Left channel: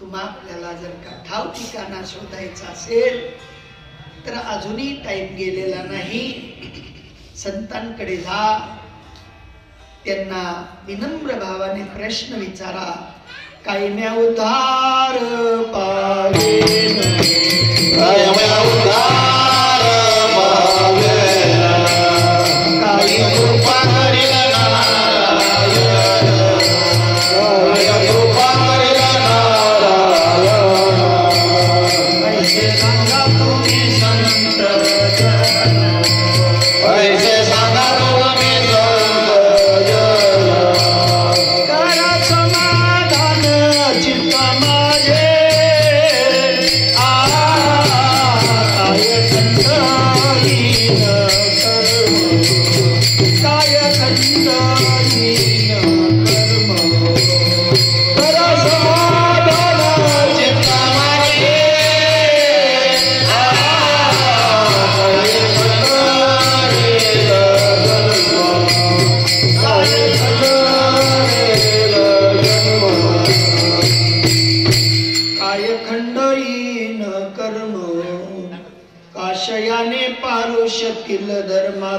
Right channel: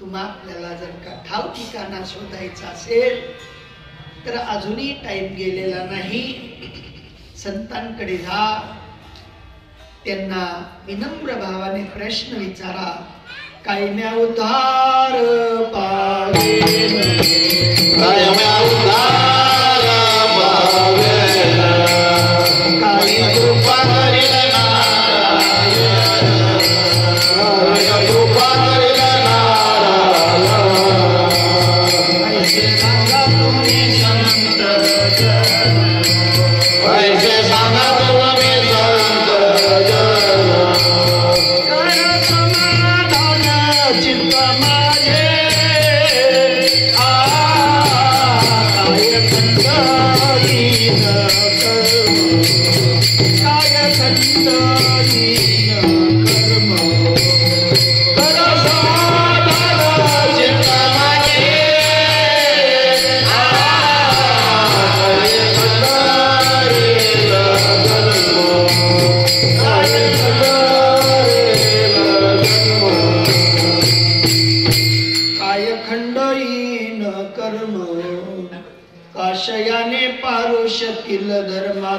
तुम्हा आपल्याला जर का ठाव ठिकाणा शोधायचा असेल तर अजूनही टाइम गेलेला नाही. संतांकडे जा, त्यांना विनम्र भावाने प्रश्न विचारा. काय म्या उद्धार पावेन, काय म्या उद्धार पावेन, काय कृपा करील नारायण, काय कृपा करील नारायण. पैसे सांगा तुम्ही संत जन, पैसे सांगा तुम्ही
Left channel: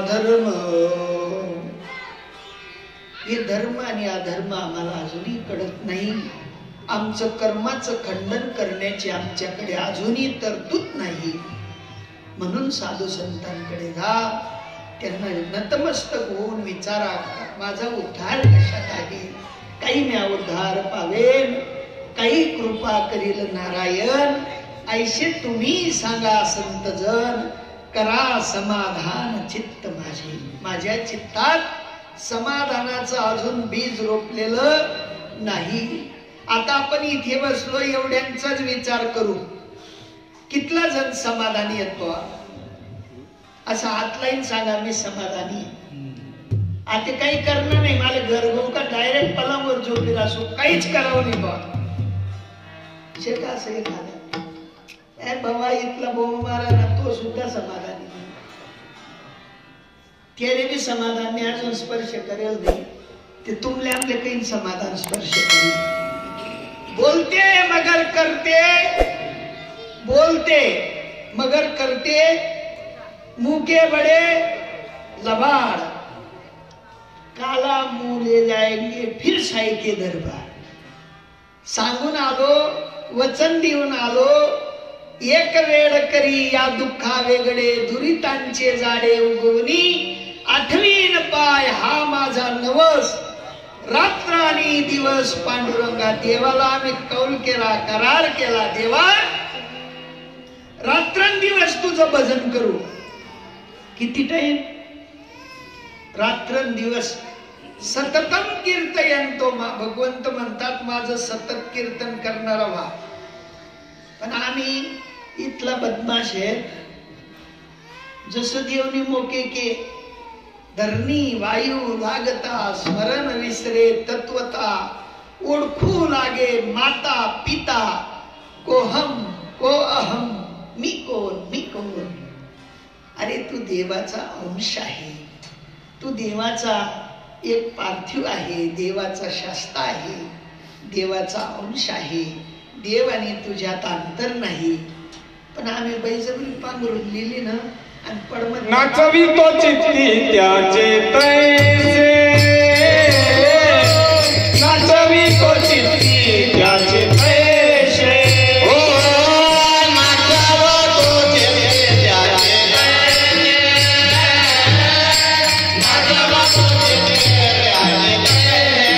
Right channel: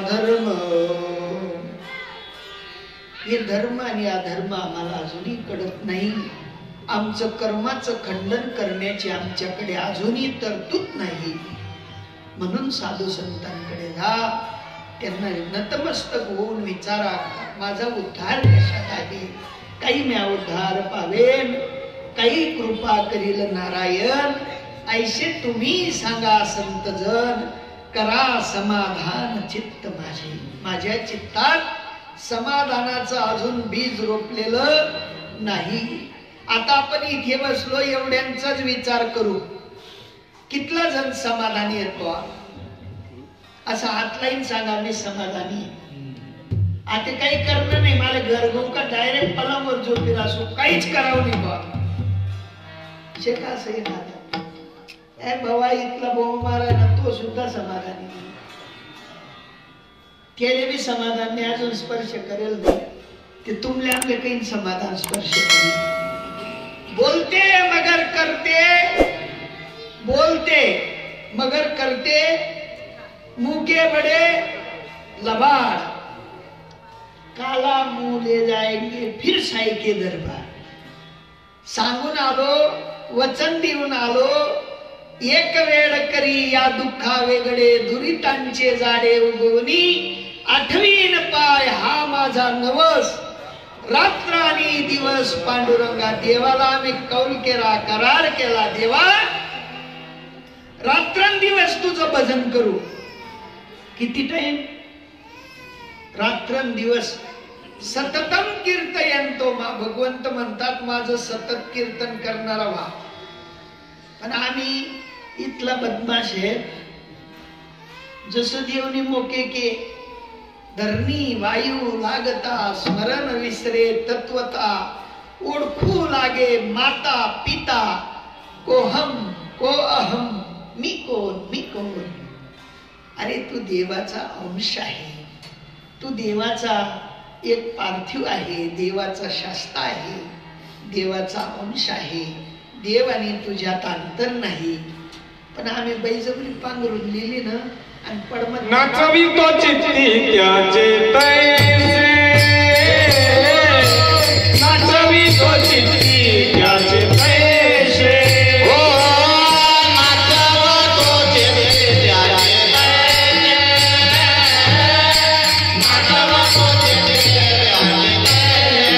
धर्म. हे धर्म आणि अधर्म आम्हाला अजूनही कळत नाही. आमचं कर्माचं खंडन करण्याची आमच्याकडे अजूनही तरतूद नाही. म्हणून साधू संतांकडे जा, त्यांना नतमस्तक होऊन विचारा माझा उद्धार कशात आहे, काही म्या उद्धार पावेन, काही कृपा करील नारायण. ऐसे तुम्ही सांगा संत जन, करा समाधान चित्त माझे. माझ्या चित्तात समाधानाचं अजून बीज रोपलेलं नाही. आता आपण इथे बसलो, एवढ्यांचाच विचार करू, कितला जण समाधानी येतो? असं हात लाईन सांगा मी समाधानी. आता काही करणं नाही, मला घर घेऊ का डायरेक्ट पलंगवर झोपेल असो, काहीच करावं नाही बा. शेता असं येणार बाबा इथला बोंब मारा ना, तो सुद्धा समाधानी. त्याने बी समाधान नाही, अजून स्पर्श करेल ते तुमले आपले काही समाधान स्पर्श करेल. बोलते मगर करते, बोलते मगर करते, मुंह के बड़े लबाड़, काला मुंह ले जाएंगे फिर साई के दरबार. सांगून आलो, वचन देऊन आलो, एक वेळ करी या दुःखा वेगळे, दुरितांचे जाडे उगवणी, आठवीन पाय हा माझा नवस, रात्र आणि दिवस पांडुरंगा. देवाला आम्ही कौल केला, करार केला, देवा रात्रंदिवस तुझं भजन करू. किती टाइम? रात्रंदिवस सततम कीर्तयंतो. भगवंत म्हणतात माझं सतत कीर्तन करणारा व्हा. पण आम्ही इथला बदमाश आहे. जसं देवनी मोके के धरणी वायू लागता, स्मरण विसरे तत्वता, ओळखू लागे माता पिता, को हम को अहम, मी कोण मी कोण. अरे तू देवाचा अंश आहे, तू देवाचा एक पार्थिव आहे, देवाचा शास्ता आहे, देवाचा अंश आहे. देव आणि तुझ्यात अंतर नाही. पण आम्ही बैजबरी पांघरून लिहिली ना आणि पडमत नाचवी तो चित्ती त्याचे तैसे, नाचवी तो चित्ती त्याचे तैसे, हो नाचव तो चित्ती त्याचे तैसे, नाचव तो चित्ती त्याचे तैसे.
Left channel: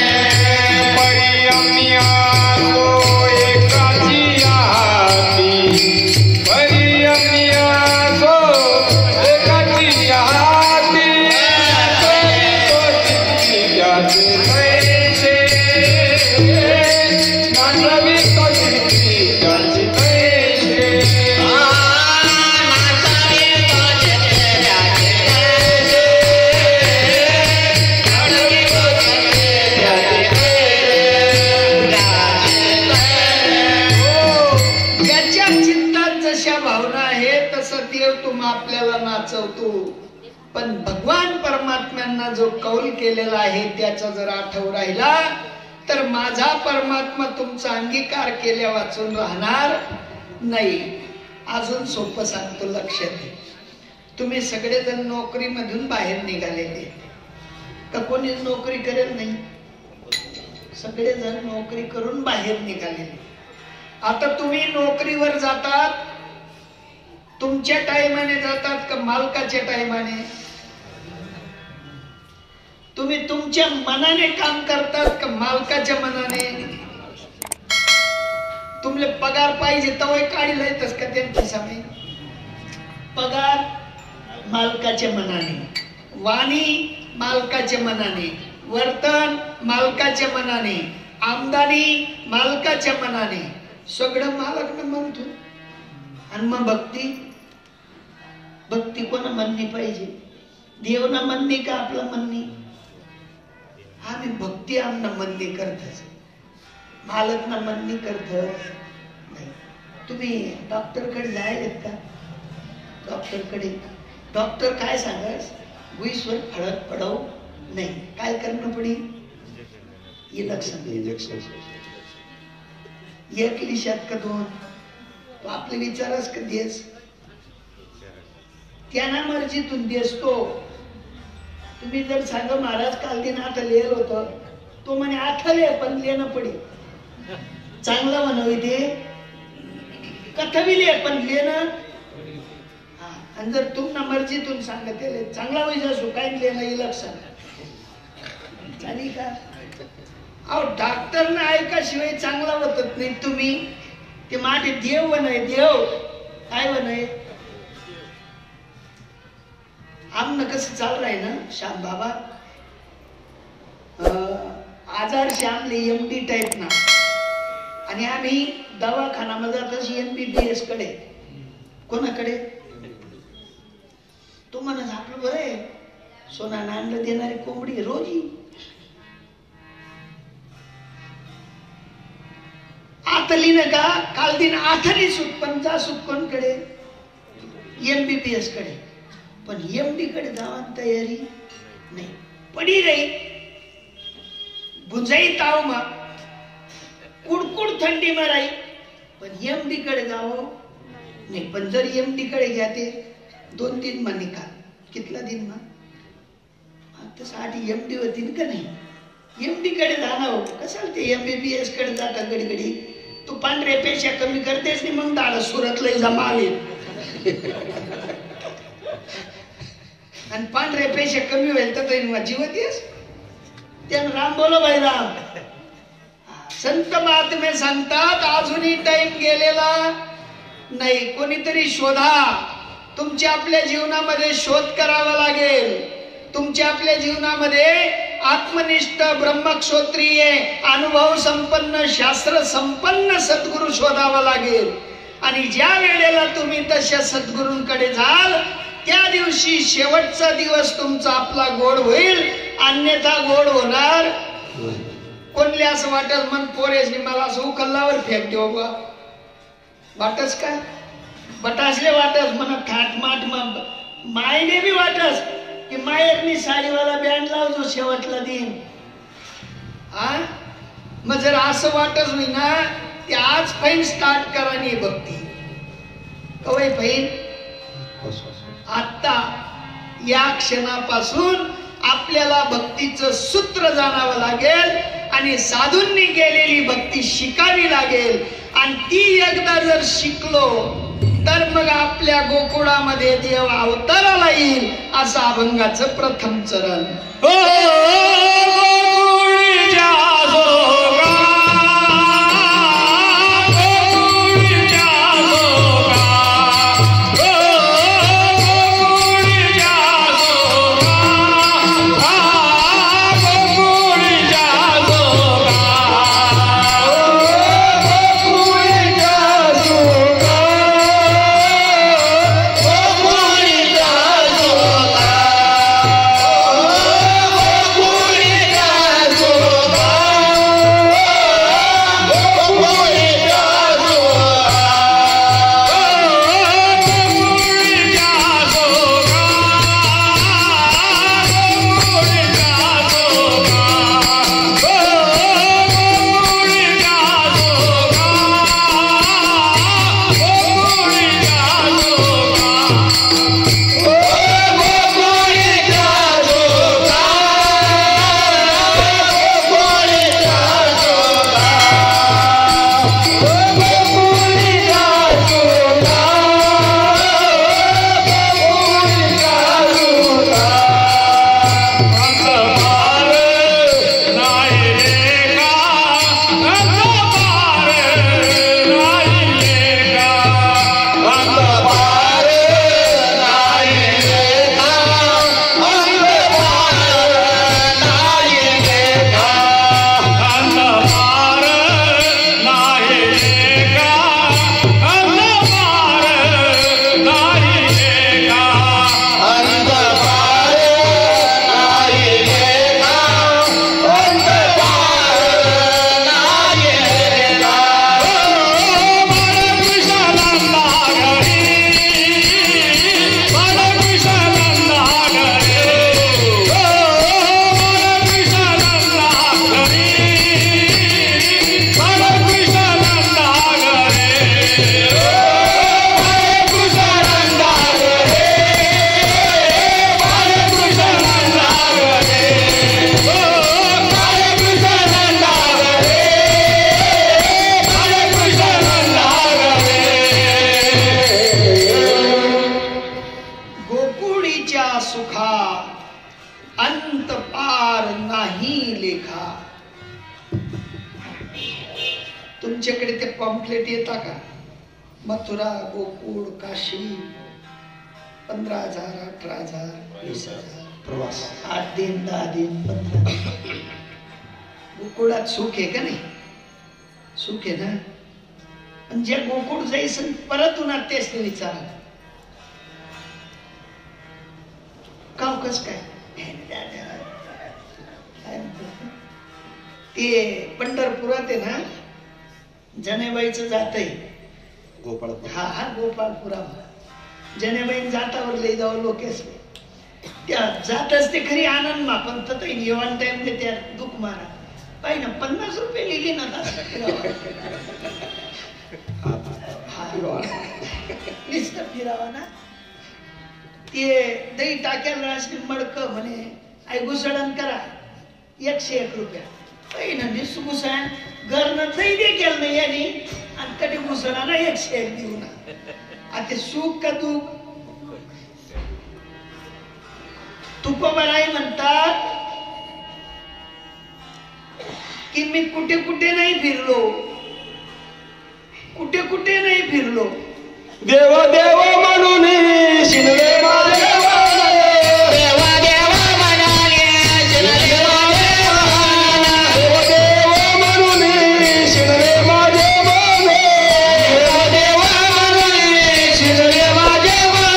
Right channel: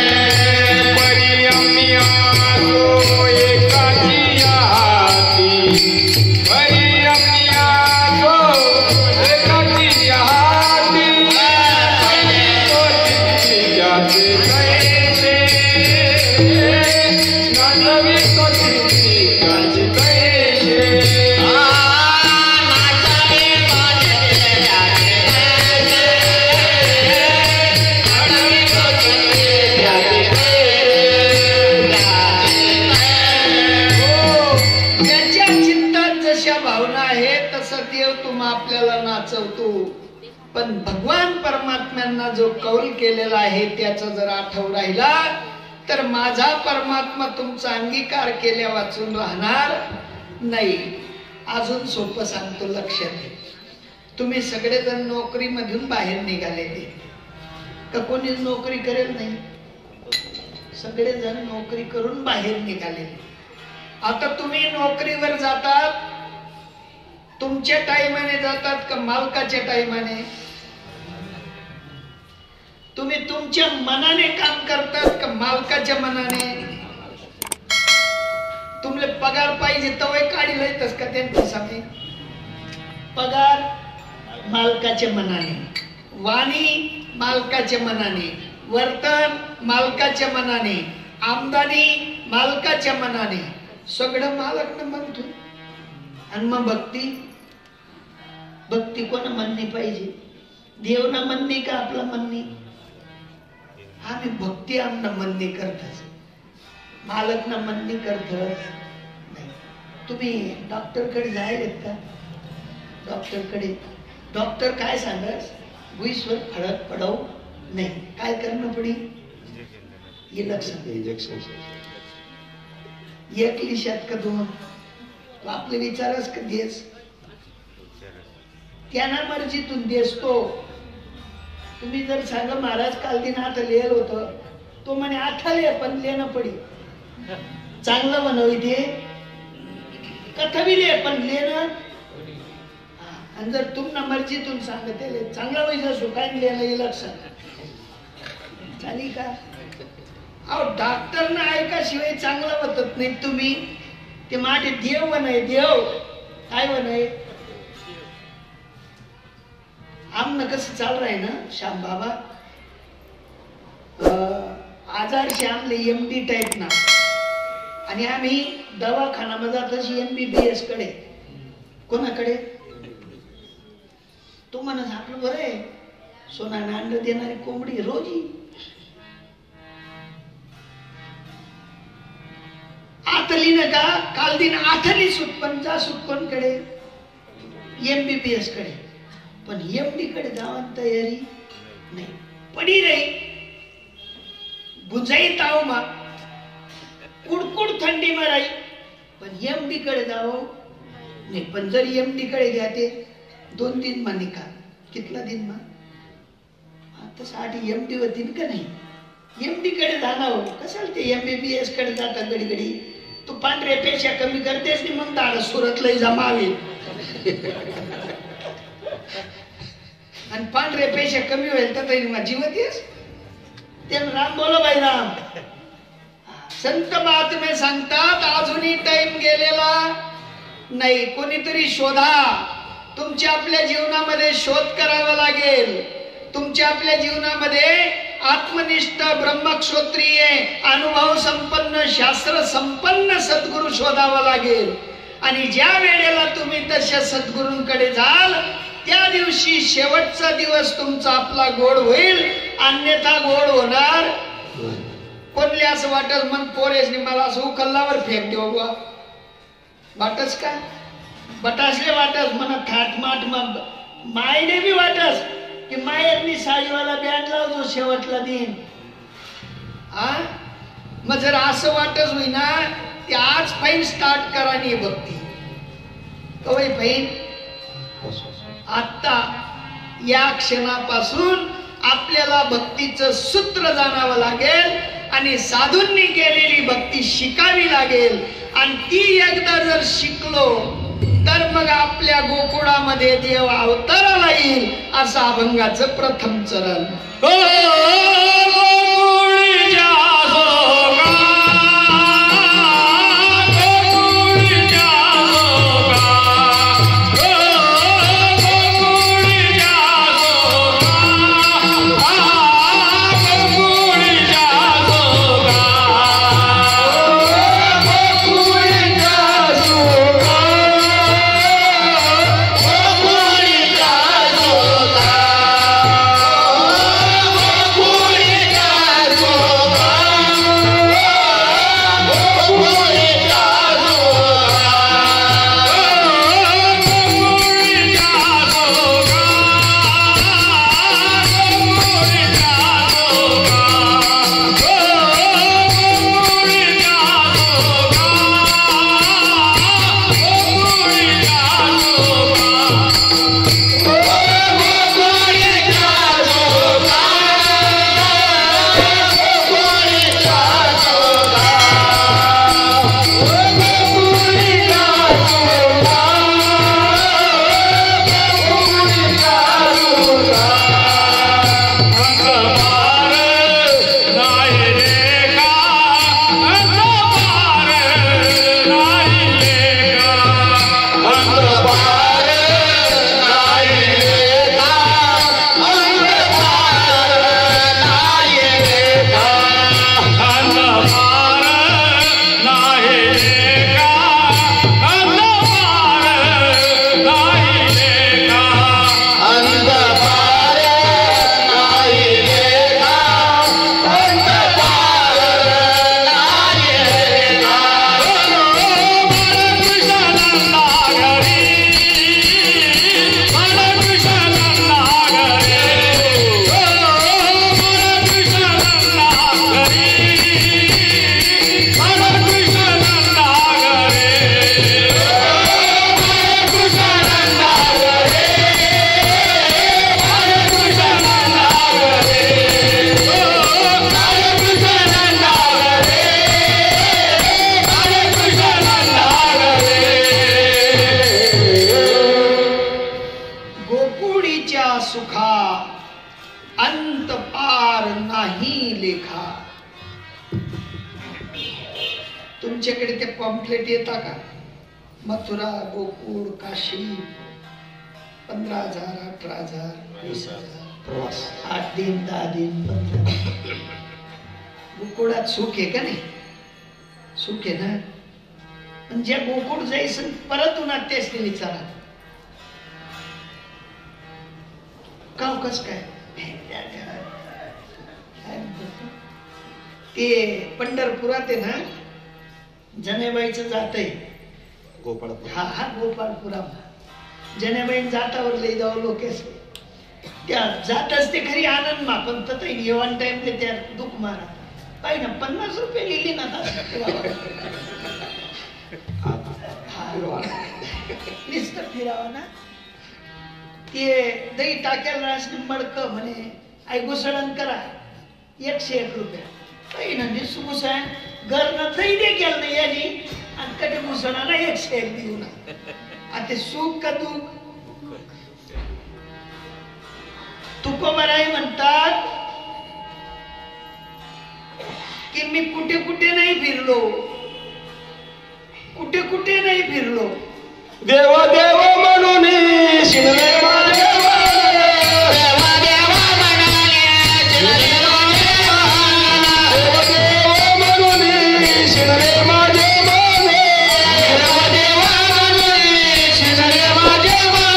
परी आम्ही आलो एकाची हाती, परी आम्ही आलो एकाची हाती, तो चित्ती त्याचे तैसे, नाचवी तो चित्ती त्याचे तैसे. ज्याच्या चित्तात जशा भावना आहे तसं देव तुम्हा आपल्याला नाचवतो. पण भगवान परमात्म्यांना जो कौल केलेला आहे त्याचा जर आठव राहिला तर माझा परमात्मा तुमचा अंगीकार केल्या वाचून राहणार नाही. अजून सोपं सांगतो, लक्षात घे. तुम्ही सगळेजण नोकरीमधून बाहेर निघालेले का? कोणी नोकरी करेल नाही? सगळेजण नोकरी करून बाहेर निघालेले. आता तुम्ही नोकरीवर जातात, तुमच्या टाइमाने जातात का मालकाच्या टाइमाने? तुम्ही तुमच्या मनाने काम करतात का मालकाच्या मनाने? तुमले पगार पाहिजे तवय काढी येतच का त्यांचं सांगे? पगार मालकाच्या मनाने, वाणी मालकाच्या मनाने, वर्तन मालकाच्या मनाने, आमदानी मालकाच्या मनाने, सगळं मालक म्हणतो. आणि मग भक्ती, भक्ती कोणा म्हणणी पाहिजे? देव ना म्हणणे का आपला म्हणणे? आम्ही भक्ती आमना म्हणणे करतच, मालक ना म्हणणे करत. तुम्ही डॉक्टर कडे जायलेत का? डॉक्टर कडे डॉक्टर काय सांगस? भुईसवर फळक पडाव नाही, काय करणं पडेल? इंजेक्शन. एक लिशात का दोन? तो आपले विचारच का देस? त्यांना मर्जीतून देस तो. तुम्ही जर सांगा महाराज काल दिन आता लिहिल होत, तो म्हणे आठाले पण लिहिणं पडेल. चांगला म्हणावी ते कथवी लिहे पण लिहिणं. आणि जर तुम्हाला मर्जीतून सांगते चांगला वैजा सुकाय लिहिणं लक्षात चालेल का? अहो डॉक्टरना ऐकाशिवाय चांगला होत नाही. तुम्ही ते माझे देव बनाय, देव काय बनाय? आमनं कसं चालू आहे ना श्याम बाबा, आजार श्यामले MD टाईप ना, आणि आम्ही दवाखाना तशी MBBS कडे. कोणाकडे? तो म्हणत आपलं बरं आहे, सोना नांद देणारी कोंबडी रोजी. आतली न का काल दिन आठरी सूट पण जा सूट कोणकडे? MBBS कडे. पण MD कडे जावान तयारी नाही पडी रे. गुंजाई ताव मा कुडकुड थंडी माराई, पण MD कडे जावं नाही. पण जर MD कडे घ्या ते 2-3 महिने का कितला दिन ना आता साठी MD होती का नाही? MD कडे जाणार कसं ते MBBS कडे जातात घडी घडी. तू पांढऱ्या पेशा कमी करतेस नाही मग दाड सुरतला जमावे. आणि पांढऱ्या पेशा कमी होईल तर जीवत येस. त्यानं राम बोलो भाई राम. संत महात्मे सांगतात अजूनही टाइम गेलेला नाही. कोणीतरी शोधा. तुमच्या आपल्या जीवनामध्ये शोध करावा लागेल. तुमच्या आपल्या जीवनामध्ये आत्मनिष्ठ ब्रह्मक्षोत्रीय अनुभव संपन्न शास्त्र संपन्न सद्गुरू शोधावा लागेल. आणि ज्या वेळेला तुम्ही तशा सद्गुरूंकडे जाल त्या दिवशी शेवटचा दिवस तुमचा आपला गोड होईल, अन्यथा गोड होणार. कोणले असं वाटत मन पोरेसनी मला असं उकल्लावर फेक देऊ बा वाटच काय? बटासले वाटस म्हणा थाटमाट मायने बी वाटस की मायरनी साडीवाला बँड लावतो शेवटला दिन. मग जर असं वाटच होईना ते आज पैन स्टार्ट करा नाही भक्ती कवय पैन. आता या क्षणापासून आपल्याला भक्तीचं सूत्र जाणावं लागेल आणि साधूंनी केलेली भक्ती शिकावी लागेल. आणि ती एकदा जर शिकलो तर मग आपल्या गोकुळामध्ये देव अवताराला येईल. असं अभंगाचं प्रथम चरण. Yeah. पॉम्पलेट येता का? मथुरा, गोकुळ, काशी, 15,000, 18,000, 20,000 प्रवास, 8 दिन, 10 दिन, 15 दिन. गोकुळात सुख आहे का नाही? सुख आहे ना. पण ज्या गोकुळ जायचं परत उन्हात तेच ते विचारा का कस काय. ते पंढरपुरात आहे ना, जनेबाईचं जातय गोपाळ. हा गोपाळपुरा. जनेबाई जातावर लई जाऊ लोक त्या जातच ते खरी आनंद मा, पण तर येवान टाइम ते त्या दुःख मारा पाहिजे ना. 50 रुपये लिहिले ना नुसतं फिरावा ना. ते दही टाक्याला मडक म्हणे आई घुसळण करा 101 रुपया. काही ना घुसळा घर न दही दे केलं नाही यांनी आणि कधी घुसळा ना 101 देऊ ना. आता सुख का तू तुकोबाराय म्हणतात की मी कुठे कुठे नाही फिरलो, कुठे कुठे नाही फिरलो. देव देव म्हणून शिरले माझे मन, देव देव म्हणून शिरले माझे मन, देव देव म्हणून शिरले माझे मन, देव देव म्हणून शिरले माझे मन.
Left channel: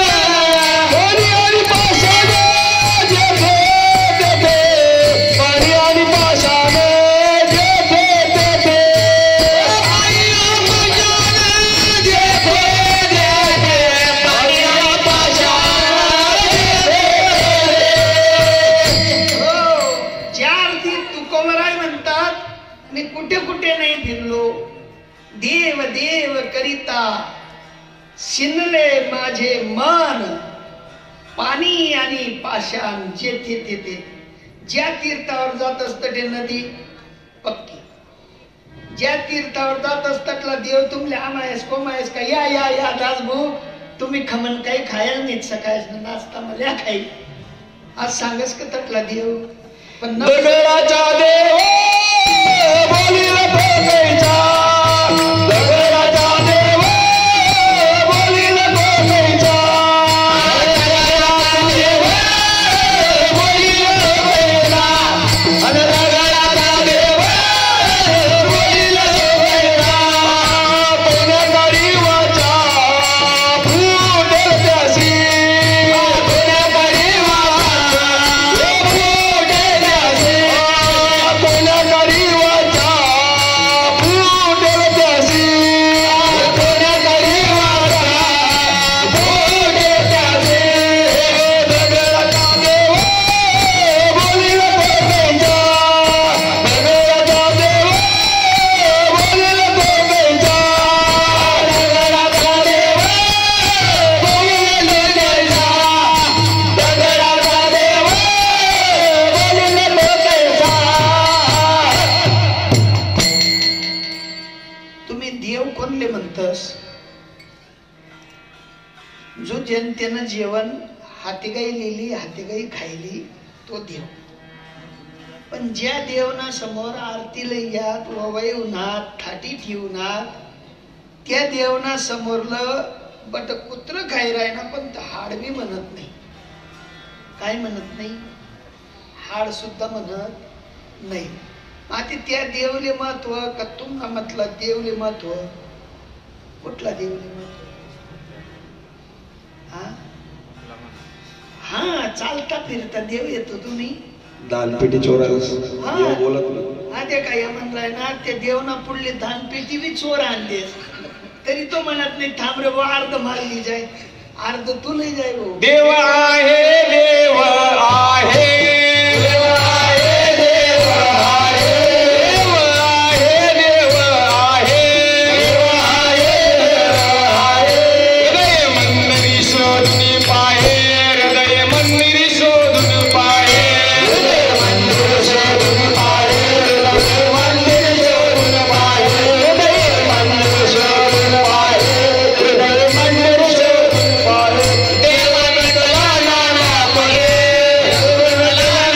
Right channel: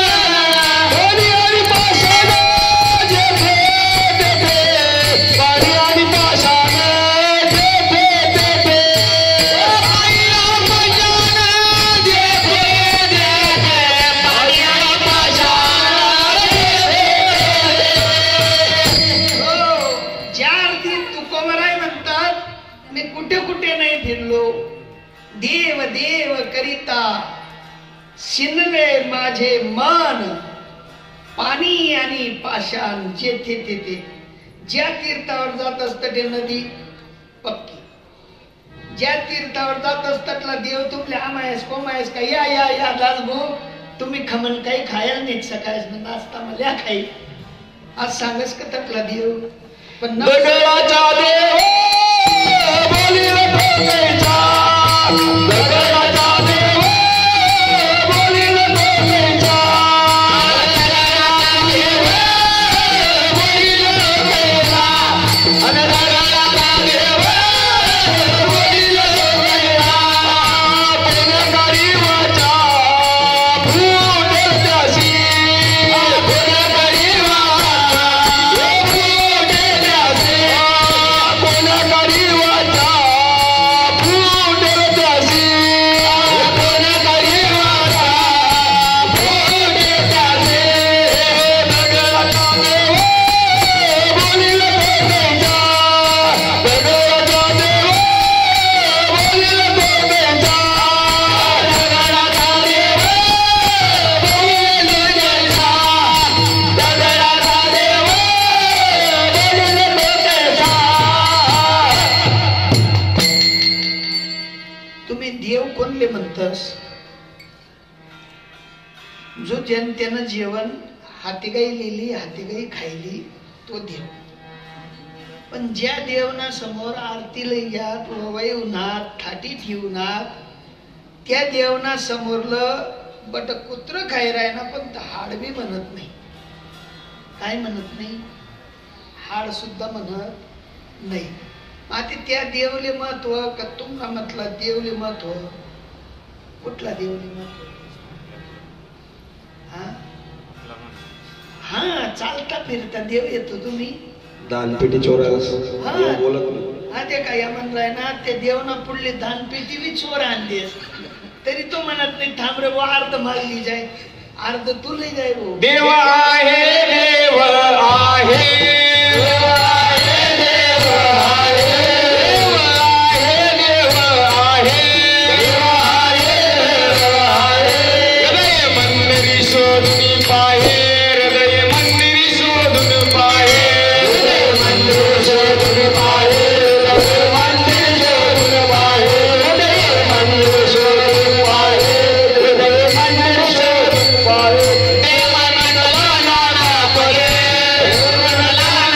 हरी हरी पाषाण जेथे तेथे, हरी हरी पाषाण जेथे तेथे, हरी हरी पाषाण जेथे तेथे, हरी हरी पाषाण जेथे तेथे. हो, ज्या अर्थी तुकोबाराय म्हणतात मी कुठे कुठे नाही फिरलो, देव देव करिता शिनले माझे मन, पाणी आणि पाषाण जेथे तेथे. ज्या तीर्थावर जात असत ते नदी पक्की, ज्या तीर्थावर जात असतातला देव तुमले आमायस कोमायस का या या या दासभाऊ तुम्ही खमन काही खायला नाही सकाळच नाश्ता मला खाईल आज सांगस का तटला देव. पण दगडाचा देव बोलील भोगैचा, दगडाचा देव बोलील भोगैचा, दगडाचा देव बोलील भोगैचा, आणि दगडाचा देव बोलील भोगैचा. पुण्यकरी वाचा फूट त्यासी, पुण्यकरी वाचा फूट त्यासी, पुण्यकरी वाचा फूट त्यासी, पुण्यकरी वाचा फूट त्यासी. दगडाचा देव बोलील भोगैचा, दगडाचा देव बोलील भोगैचा, दगडाचा देव बोलील भोगैचा, दगडाचा देव बोलील भोगैचा. तुम्ही देव कोणले म्हणतस? जो जनतेनं जेवण हातीगाई लिहिली हातीगाई खायली तो देव. पण ज्या देवना समोर आरतीला यात ववाई उन्हात थाटी ठेवणार त्या देवना समोरलं बट कुत्र खाय राहिना पण हाड बी म्हणत नाही. काय म्हणत नाही? हाड सुद्धा म्हणत नाही. आता त्या देवले महत्व का तुम्हाला म्हटलं देवले महत्व? कुठला देवले महत्व? हा चालता फिरता देव येतो तुम्ही दानपेटी चोरायला हा. बोलत हा ते काय म्हणलाय ना त्या देवना पुढले दानपेटी बी चोर आणले तरी तो म्हणत नाही थांब रे भाऊ अर्ध मारली जाय अर्ध तू नाही जाय भाऊ. देव आहे देव आहे देव आहे देव आहे देव आहे देव आहे देव आहे देव आहे. हृदय मंदिरी शोधून पाहे, हृदय मंदिरी शोधून पाहे, हृदय मंदिर शोधून पाहे, हृदय मंदिर शोधून पाहे, हृदय मंदिर शोधून पाहे, हृदय मंदिर शोधून पाहे. देवानंदला लाला कोले, देवानंदला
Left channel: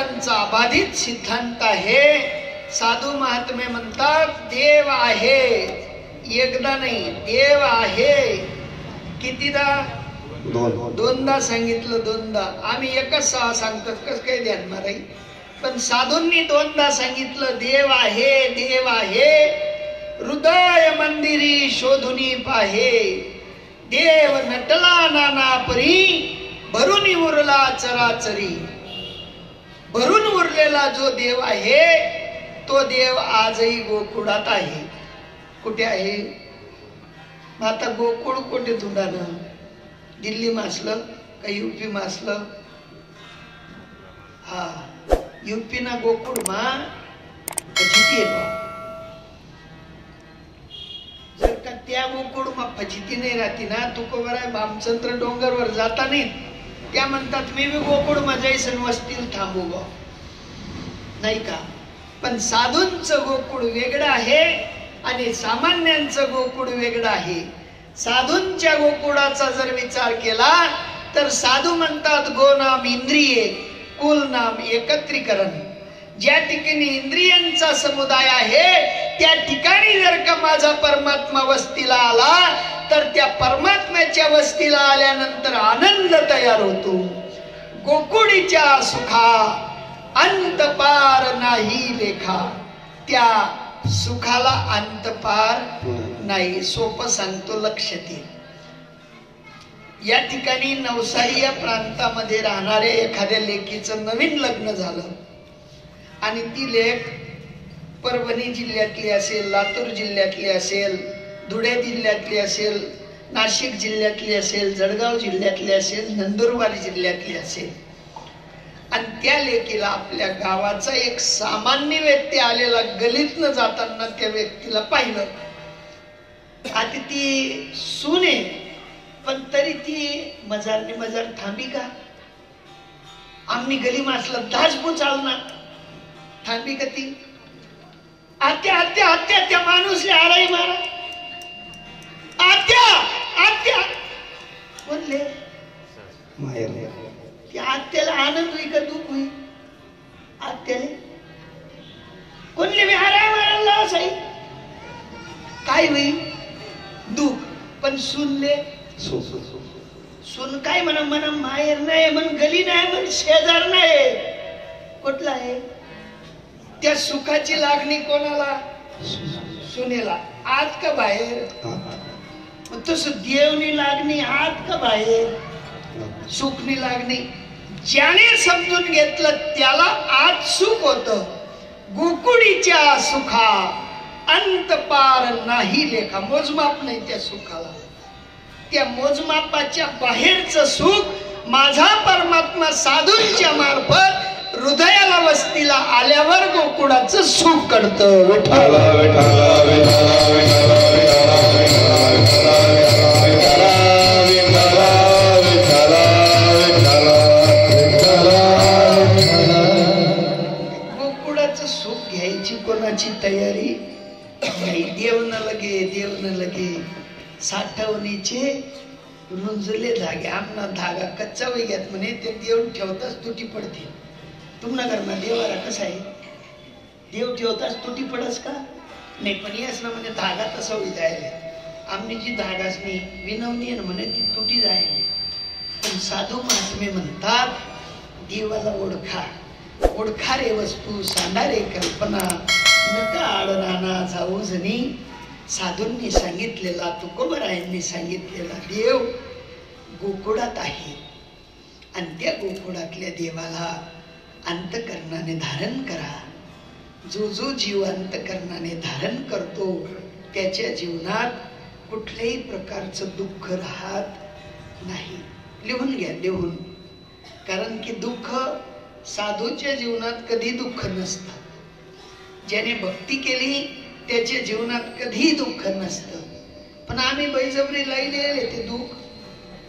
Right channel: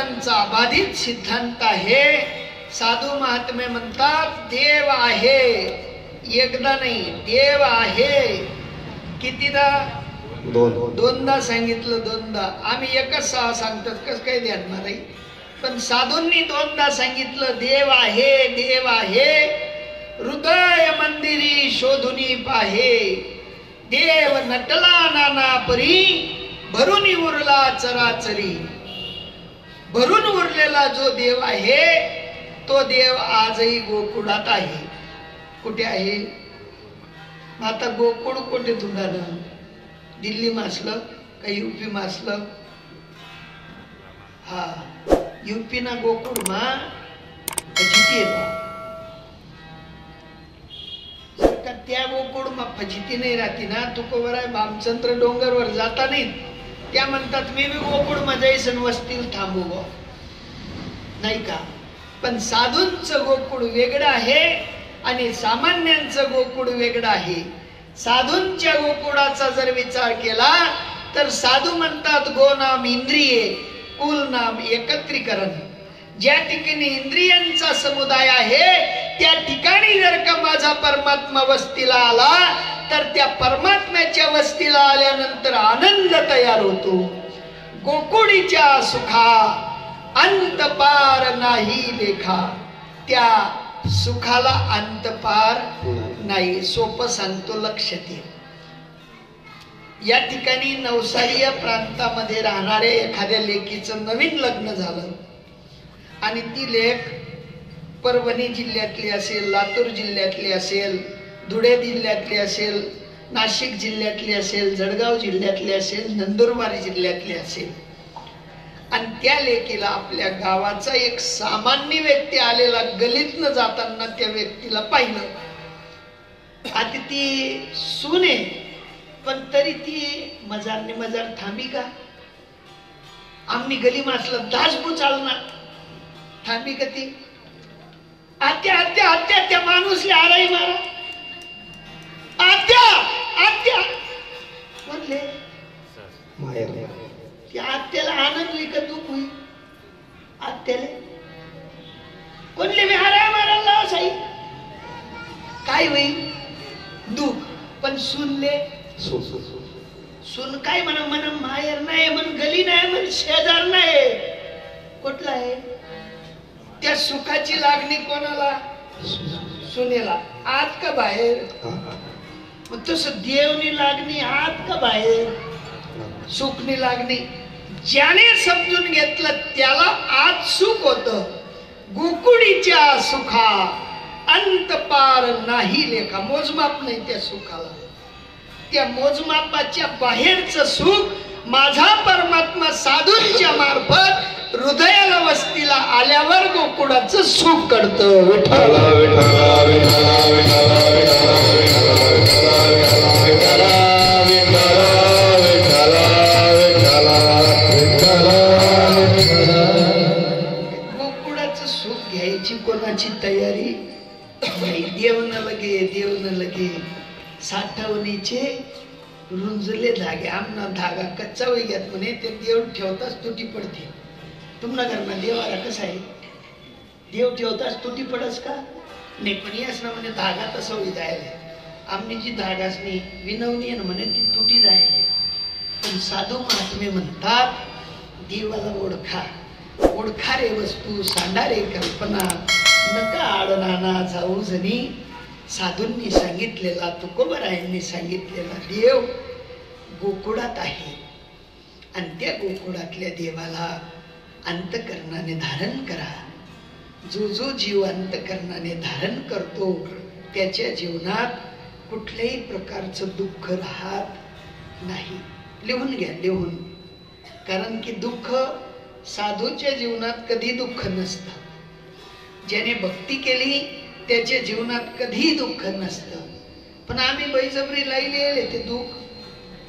वेदांचा अबाधित सिद्धांत आहे. साधू महात्मे म्हणतात देव आहे, एकदा नाही, देव आहे. कितीदा? दोनदा सांगितलं. दोनदा. आम्ही एकच सांगतात, कसं काही ध्यान माराई. पण साधूंनी दोनदा सांगितलं देव आहे, देव आहे. हृदय मंदिरी शोधुनी पाहे, देव नटला नाना परी, भरून उरला चराचरी. भरून उरलेला जो देव आहे तो देव आजही गोकुळात आहे. कुठे आहे? आता गोकुळ कुठे तुंडानं? दिल्ली मासलं का युपी मासलं? हा, युपी ना गोकुळ मा फजिती जर का त्या गोकुळ मा फजिती नाही राहती ना, तुकोबरा भामचंद्र डोंगरवर जाता नाही, त्या म्हणतात मी गोकुळ मध्ये वस्तील थांबू गो, नाही का? पण साधूंचं गोकुळ वेगळं आहे आणि सामान्यांचं गोकुळ वेगळं आहे. साधूंच्या गोकुळाचा जर विचार केला तर साधू म्हणतात गो नाम इंद्रिये, कुल नाम एकत्रीकरण. ज्या ठिकाणी इंद्रियांचा समुदाय आहे त्या ठिकाणी जर का माझा परमात्मा वस्तीला आला तर त्या परमात्म्याच्या वस्तीला आल्यानंतर आनंद तयार होतो. गोकुळीच्या सुखा अंत पार नाही लेखा. त्या सुखाला अंत पार नाही. सोपं सांगतो, लक्षात ठेव. या ठिकाणी नवसारी या प्रांतामध्ये राहणाऱ्या एखाद्या लेकीचं नवीन लग्न झालं आणि ती लेक परभणी जिल्ह्यातली असेल, लातूर जिल्ह्यातली असेल, धुळे जिल्ह्यातली असेल, नाशिक जिल्ह्यातली असेल, जळगाव जिल्ह्यातली असेल, नंदुरबार जिल्ह्यातली असेल, आणि त्या लेकीला आपल्या गावाचा एक सामान्य व्यक्ती आलेला गलीतनं जाताना त्या व्यक्तीला पाहिलं. आता ती सुने, पण तरी ती मजारने मजार थांबी का? आम्ही गली मासला दाजबू चालणार, थांबी का ती? आत्या आत्या आत्या त्या माणूस आराई मारा, आत्या आत्या म्हणले. आत्याला आनंद होई का दुःख होई? आत्याला कोणले मी आराय मारायला साई काय होई? दुःख. पण सुनले सुन काय म्हणा, म्हणा माहेर नाही, म्हण गली नाही, म्हण शेजार नाही, कुठला आहे? त्या सुखाची लागणी कोणाला? सुनेला. आत का बाहेर? तस देवनी लागणी आत का बाहेर? सुखनी लागणी. ज्याने समजून घेतलं त्याला आत सुख होत. गोकुळीच्या सुखा अंत पार नाही लेखा. मोजमाप नाही त्या सुखाला. त्या मोजमापाच्या बाहेरचं सुख माझा परमात्मा साधूंच्या मार्फत हृदयाला वस्तीला आल्यावर गोकुळाचं सुख करतं. विठ्ठला विठ्ठला विठ्ठला विठ्ठला विठ्ठला विठ्ठला. गोकुळाचं सुख घ्यायची कोणाची तयारी नाही. देव न लगे, देव न लगे. साठवणीचे रुंजले धागे. आमना धागा कच्चा वैग्यात म्हणे ते देव ठेवताच तुटी पडते. तुमना घरमा देवारा कसा आहे? देव ठेवताच तुटी पडस का? नाही. पण यास ना म्हणजे धागा तसा जायला. आमनी जी धागासनी विनवणी म्हणे ती तुटी जायला. पण साधू महात्मे म्हणतात देवाला ओळखा. ओळखा रे वस्तू, सांडा रे कल्पना, नका आडनाना जाऊ जणी. साधूंनी सांगितलेला, तुकोबरायांनी सांगितलेला देव गोकुळात आहे. आणि त्या गोकुळातल्या देवाला अंतकरणाने धारण करा. जो जो जीव अंतकरणाने धारण करतो त्याच्या जीवनात कुठल्याही प्रकारचं दुःख राहत नाही. लिहून घ्या, लिहून. कारण की दुःख साधूच्या जीवनात कधी दुःख नसतं. ज्याने भक्ती केली त्याच्या जीवनात कधी दुःख नसतं. पण आम्ही बळजबरी लयले ते दुःख,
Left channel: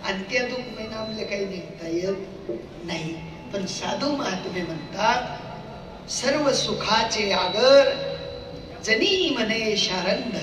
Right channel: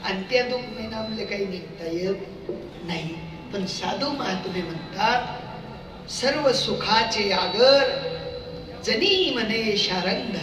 आणि त्या दुःख नाही आपले काही निघता येत नाही. पण साधू महात्मे म्हणतात सर्व सुखाचे आगर जनी म्हणे शारंग.